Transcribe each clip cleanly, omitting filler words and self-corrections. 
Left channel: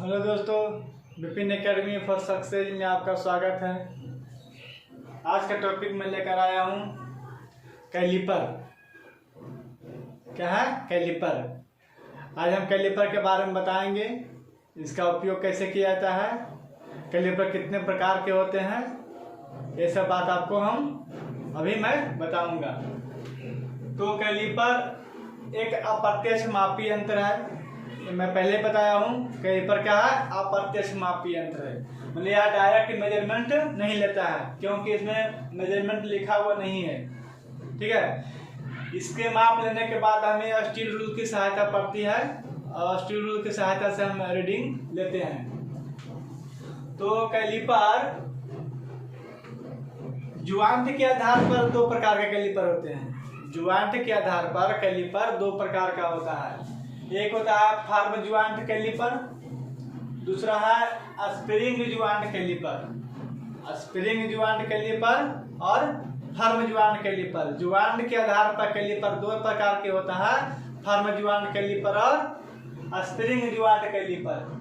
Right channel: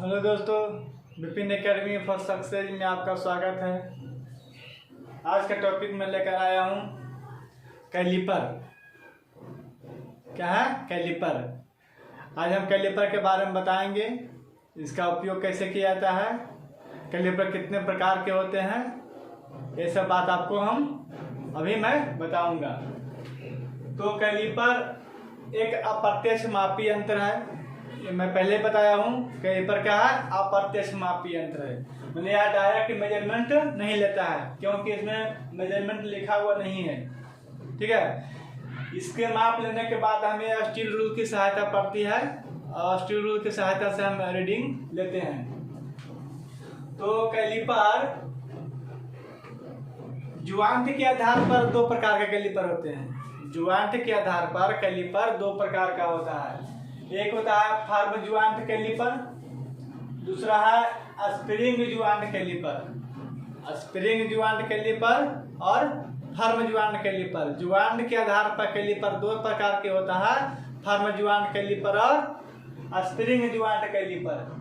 Hello दोस्तों, Vipin academy for success में आपका स्वागत है। आज का टॉपिक मैं लेकर आया हूँ कैलिपर। क्या है कैलिपर? आज हम कैलिपर के बारे में बताएंगे, इसका उपयोग कैसे किया जाता है, कैलिपर कितने प्रकार के होते हैं, ये सब बात आपको अभी मैं बताऊंगा। तो कैलिपर एक अप्रत्यक्ष मापी यंत्र है। मैं पहले बताया हूँ कैलिपर क्या है, अप्रत्यक्ष मापी यंत्र है। मतलब यह डायरेक्ट मेजरमेंट नहीं लेता है, क्योंकि इसमें मेजरमेंट लिखा हुआ नहीं है। ठीक है, इसके माप लेने के बाद हमें स्टील रूल की सहायता पड़ती है और स्टील रूल की सहायता से हम रीडिंग लेते हैं। तो कैलिपर ज्वाइंट के आधार पर दो प्रकार के कैलिपर होते हैं। ज्वाइंट के आधार पर कैलिपर दो प्रकार का होता है। एक होता है फर्म ज्वाइंट कैलिपर, दूसरा है spring joint caliper. Spring joint caliper और फर्म ज्वाइंट कैलिपर। ज्वाइंट के आधार पर कैलिपर दो प्रकार के होता है, फर्म ज्वाइंट कैलिपर और स्प्रिंग ज्वाइंट कैलिपर।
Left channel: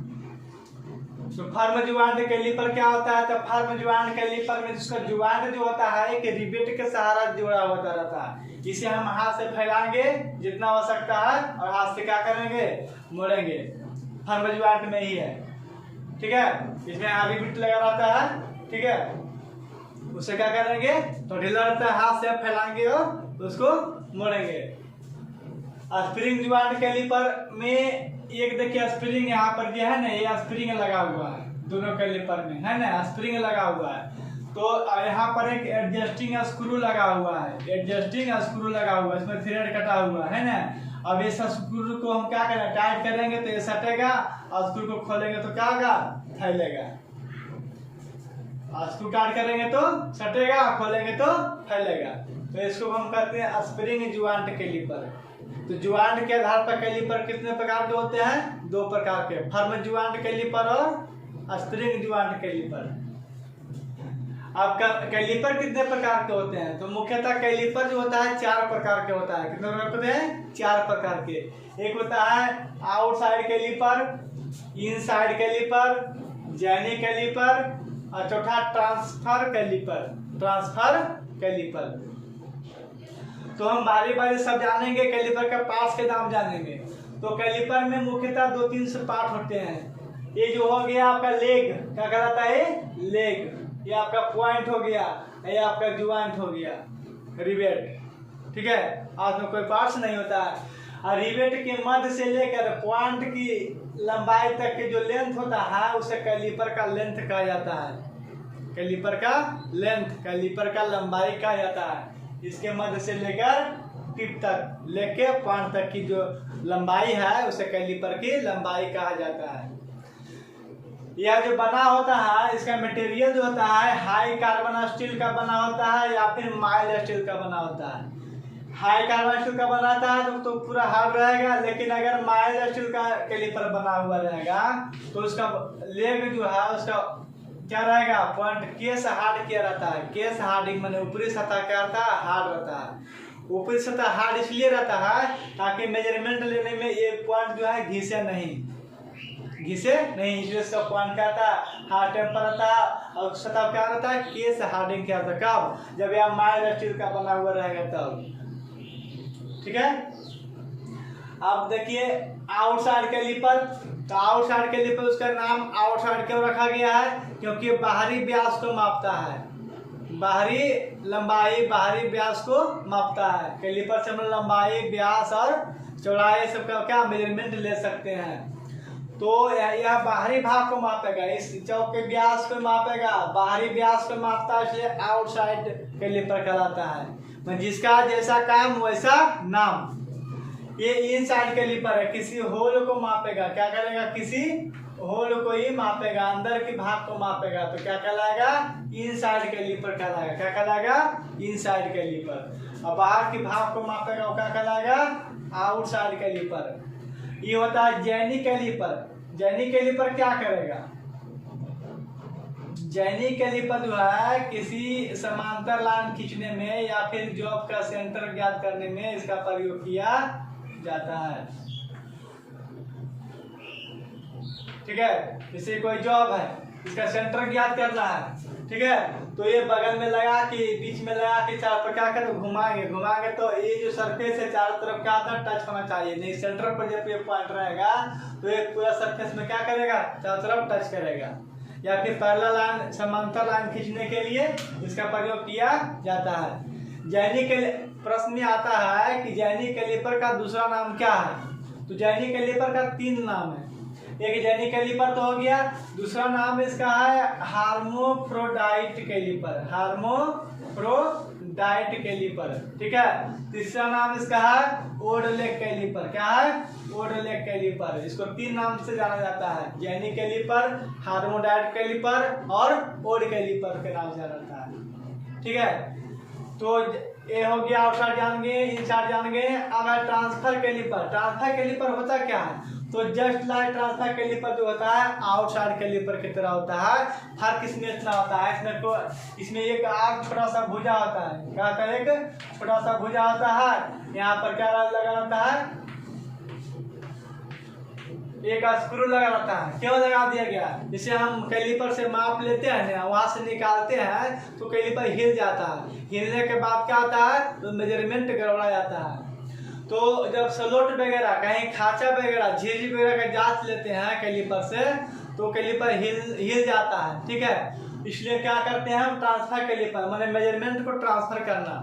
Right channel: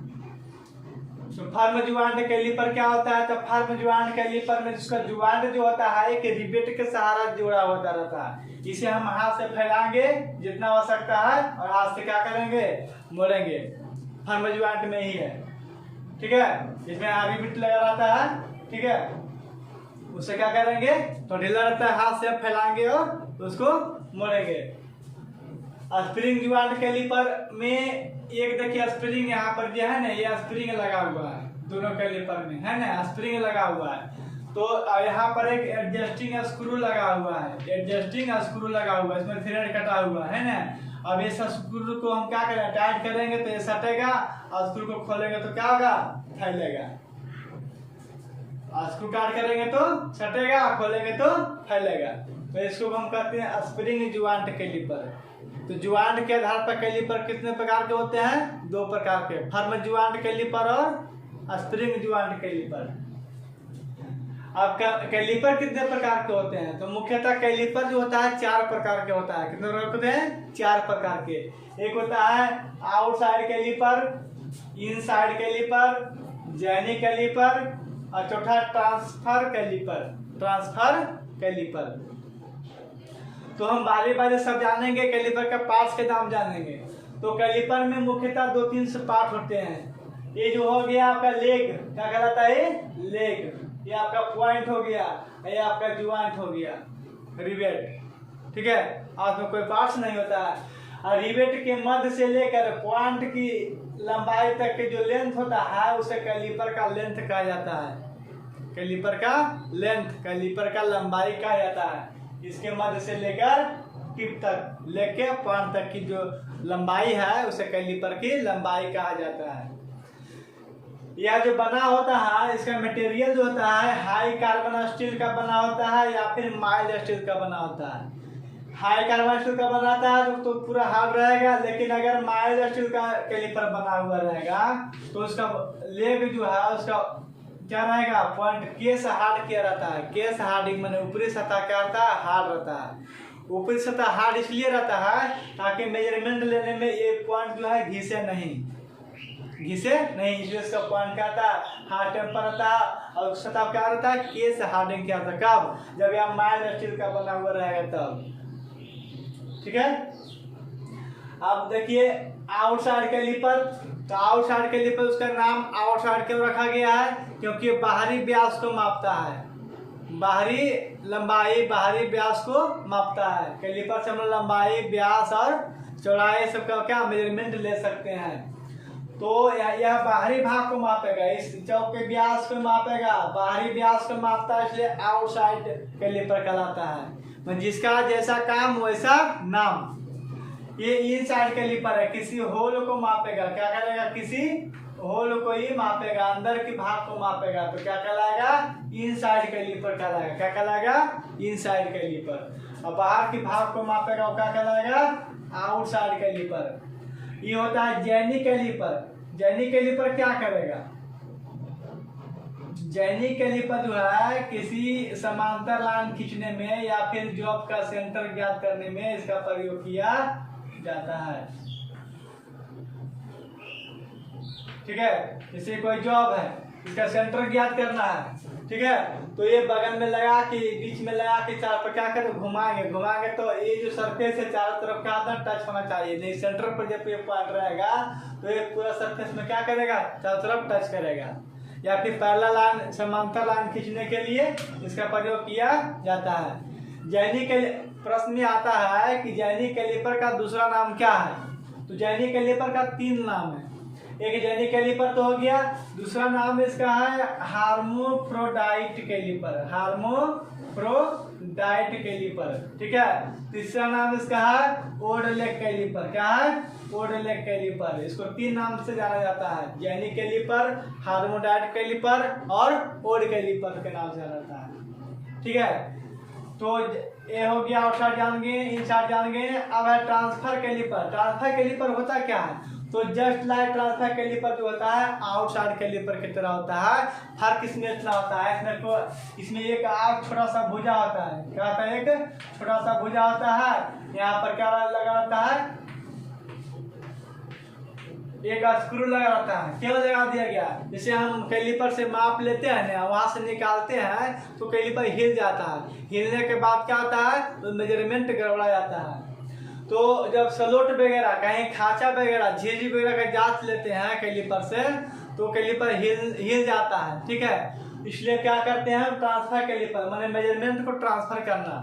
तो फर्म ज्वाइंट कैलिपर क्या होता है? तो फर्म ज्वाइंट कैलिपर में जिसका ज्वाइंट जो होता है एक रिवेट के सहारा जुड़ा होता रहता है। इसे हम हाथ से फैलाएंगे जितना हो सकता है और हाथ से क्या करेंगे, मोड़ेंगे। फर्म ज्वाइंट में ही है। ठीक है, इसमें रिवेट लगा रहता है। ठीक है, उसे क्या करेंगे, तो ढीला रहता है, हाथ से फैलाएंगे और उसको मोड़ेंगे। स्प्रिंग ज्वाइंट कैलिपर में एक देखिए स्प्रिंग यहाँ पर जो है ना, ये स्प्रिंग लगा हुआ है दोनों कैलिपर में, है ना, स्प्रिंग लगा हुआ है। तो यहाँ पर एक एडजस्टिंग स्क्रू लगा हुआ है, एडजस्टिंग स्क्रू लगा हुआ है, इसमें थ्रेड कटा हुआ है ना। अब इस स्क्रू को हम क्या करें, टाइट करेंगे तो ये सटेगा और स्क्रू को खोलेंगे तो क्या होगा, फैलेगा। स्क्रू टाइट करेंगे तो सटेगा, खोलेंगे तो फैलेगा। तो इसको हम कहते हैं स्प्रिंग ज्वाइंट कैलिपर। तो ज्वाइंट के आधार पर कैलिपर कितने प्रकार के होते हैं? दो प्रकार के, फर्म ज्वाइंट कैलिपर और स्प्रिंग ज्वाइंट कैलिपर। आपका कैलिपर कितने प्रकार के होते हैं? तो मुख्यतः कैलिपर जो होता है चार प्रकार के होता है। कितने प्रकार के होते हैं? चार प्रकार के। एक होता है outside caliper, inside caliper, jenny caliper और चौथा ट्रांसफर कैलिपर। ट्रांसफर कैलिपर तो हम बारी बारी सब जानेंगे, कैलिपर का पार्ट्स के नाम जानेंगे। तो कैलिपर में मुख्यतः दो तीन से पार्ट होते हैं। ये जो हो गया आपका लेग, क्या कहलाता है? लेग। ये आपका पॉइंट हो गया, ये आपका ज्वाइंट हो गया, रिवेट। ठीक है, आज में कोई पार्ट्स नहीं होता है। और रिवेट के मध्य से लेकर पॉइंट की लंबाई तक के जो लेंथ होता है उसे कैलिपर का लेंथ कहा जाता है। कैलिपर का लेंथ, कैलिपर का लंबाई कहा जाता है। इसके मध्य से लेकर टिप तक, लेके पॉइंट तक की जो लंबाई है उसे कैलिपर की लंबाई कहा जाता है। यह जो बना होता है, इसका मटेरियल जो होता है हाई कार्बन स्टील का बना होता है या फिर माइल्ड स्टील का बना होता है। हाई कार्बन स्टील का बनाता है तो पूरा हार्ड रहेगा, लेकिन अगर माइल्ड स्टील का कैलिपर बना हुआ रहेगा तो उसका लेग जो है उसका क्या रहेगा, पॉइंट केस हार्ड किया रहता है। केस हार्डिंग माने ऊपरी सतह क्या रहता है, हार्ड रहता है। ऊपरी सतह हार्ड इसलिए रहता है ताकि मेजरमेंट लेने में ये पॉइंट जो है घिसे नहीं, इसलिए इसका पॉइंट क्या रहता है, हार्ड टेम्पर रहता है। और सतह क्या रहता है, केस हार्डिंग क्या रहता है, कब, जब यह माइल्ड स्टील का बना हुआ रहेगा तब। ठीक है, अब देखिए आउटसाइड कैलिपर। तो आउटसाइड कैलिपर उसका नाम आउटसाइड क्यों रखा गया है? क्योंकि बाहरी व्यास को मापता है। बाहरी लंबाई, बाहरी व्यास को मापता है। कैलिपर से हम लंबाई, व्यास और चौड़ाई सबका क्या मेजरमेंट ले सकते हैं। तो यह बाहरी भाग को मापेगा, इस चौक के व्यास को मापेगा, बाहरी व्यास को मापता है, इसलिए आउटसाइड कैलिपर कहलाता है। जिसका जैसा काम वैसा नाम। ये इनसाइड कैलिपर है, किसी होल को मापेगा। क्या करेगा, किसी होल को ही मापेगा, अंदर के भाग को मापेगा। तो क्या कहलाएगा, इनसाइड कैलिपर कहलाएगा। क्या कहलाएगा, इनसाइड कैलिपर। और बाहर के भाग को मापेगा वो क्या कहलाएगा, आउटसाइड कैलिपर। ये होता है जैनी कैलिपर। जैनी कैलिपर क्या करेगा, जैनी कैलिपर जो है किसी समांतर लाइन खींचने में या फिर जॉब का सेंटर ज्ञात करने में इसका प्रयोग किया जाता है। ठीक है। जैसे कोई जॉब है, इसका सेंटर ज्ञात करना है, ठीक है। तो ये बगल में लगा के, बीच में लगा के चारों पर क्या करें, घुमाएंगे तो ये जो सरफेस है चारों तरफ क्या होता है, टच होना चाहिए। नहीं सेंटर पर जब ये पॉइंट रहेगा तो ये पूरा सरफेस में क्या करेगा, चारों तरफ टच करेगा। या फिर पैरेलल लाइन, समांतर लाइन खींचने के लिए इसका प्रयोग किया जाता है। जैनी प्रश्न आता है कि जैनी कैलिपर का दूसरा नाम क्या है। तो जैनी कैलिपर का 3 नाम है। एक जैनी कैलिपर तो हो गया, दूसरा नाम इसका है हार्मोफ्रोडाइट कैलिपर, हार्मोफ्रोडाइट कैलिपर, ठीक है। तीसरा नाम इसका है ओडलेक कैलिपर। क्या है, ओडलेक कैलिपर। इसको 3 नाम से जाना जाता है, जैनी कैलिपर, हार्मोडाइट कैलिपर और ओड कैलिपर के नाम से जाना जाता है, ठीक है। तो ये हो गया आउटसाइड जान गए, इनसाइड जान गए। अब है ट्रांसफर कैलिपर। ट्रांसफर कैलिपर होता क्या है, तो जस्ट लाइक ट्रांसफर कैलिपर जो होता है आउटसाइड कैलिपर की तरह होता है। फर्क इसमें इतना होता है, इसमें एक आग छोटा सा भुजा होता है। क्या होता है, एक छोटा सा भुजा होता है। यहाँ पर क्या लगा रहता है, एक स्क्रू लगा रहता है। क्यों लगा दिया गया, जैसे हम कैलिपर से माप लेते हैं ना, वहां से निकालते हैं तो कैलिपर हिल जाता है। हिलने के बाद क्या होता है, तो मेजरमेंट गड़बड़ा जाता है। तो जब सलोट वगैरह, कहीं खांचा वगैरह, झिल्ली वगैरह का जांच लेते हैं कैलिपर से, तो कैलिपर हिल जाता है, ठीक है। इसलिए क्या करते हैं हम, ट्रांसफर कैलिपर, माने मेजरमेंट को ट्रांसफर करना।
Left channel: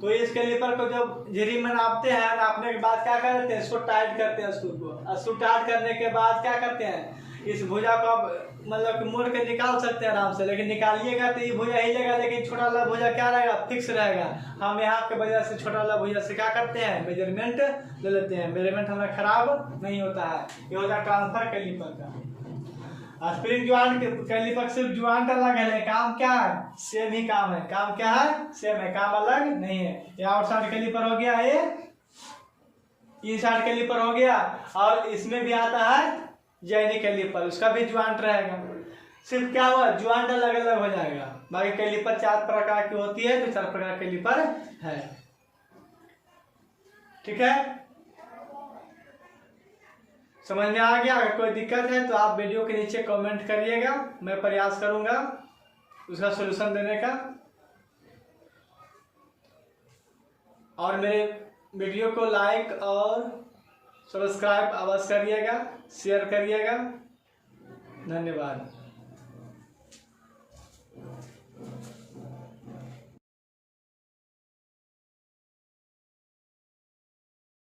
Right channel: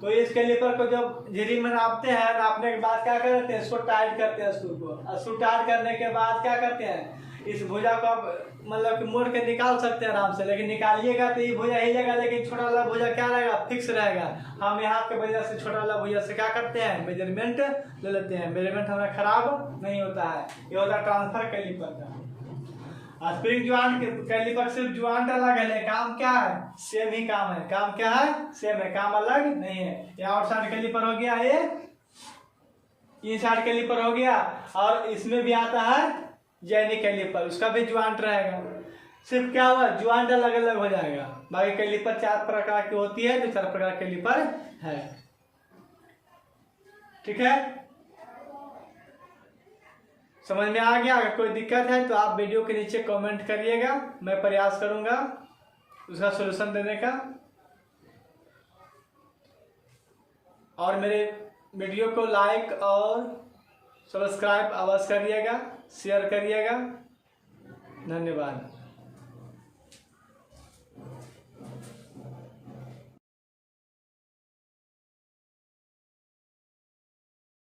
तो इस कैलिपर को जब झिरी में नापते हैं, नापने के बाद क्या करते हैं, इसको टाइट करते हैं स्क्रू को। स्क्रू टाइट करने के बाद क्या करते हैं, इस भुजा को आप मतलब मोड़ के निकाल सकते हैं आराम से, लेकिन निकालिएगा तो ये भुजा हिलेगा, लेकिन छोटा वाला भुजा क्या रहेगा, फिक्स रहेगा। हम यहाँ के वजह से छोटा वाला भुजा से क्या करते हैं, मेजरमेंट ले लेते हैं। मेजरमेंट हमारा खराब नहीं होता है। ये होता है ट्रांसफर कैलिपर का। स्प्रिंग ज्वाइंट कैलिपर सिर्फ ज्वाइंट अलग है, काम क्या है, सेम ही काम है। काम क्या है, सेम है, काम अलग नहीं है। ये आउटसाइड कैलिपर हो गया, ये इनसाइड कैलिपर हो गया। और इसमें भी आता है जैनी कैलिपर, उसका भी ज्वाइंट रहेगा। सिर्फ क्या हुआ, ज्वाइंट अलग अलग हो जाएगा। बाकी कैलिपर 4 प्रकार की होती है, तो 4 प्रकार कैलिपर है, ठीक है। समझ में आ गया। अगर कोई दिक्कत है तो आप वीडियो के नीचे कमेंट करिएगा, मैं प्रयास करूंगा उसका सलूशन देने का। और मेरे वीडियो को लाइक और सब्सक्राइब अवश्य करिएगा, शेयर करिएगा। धन्यवाद।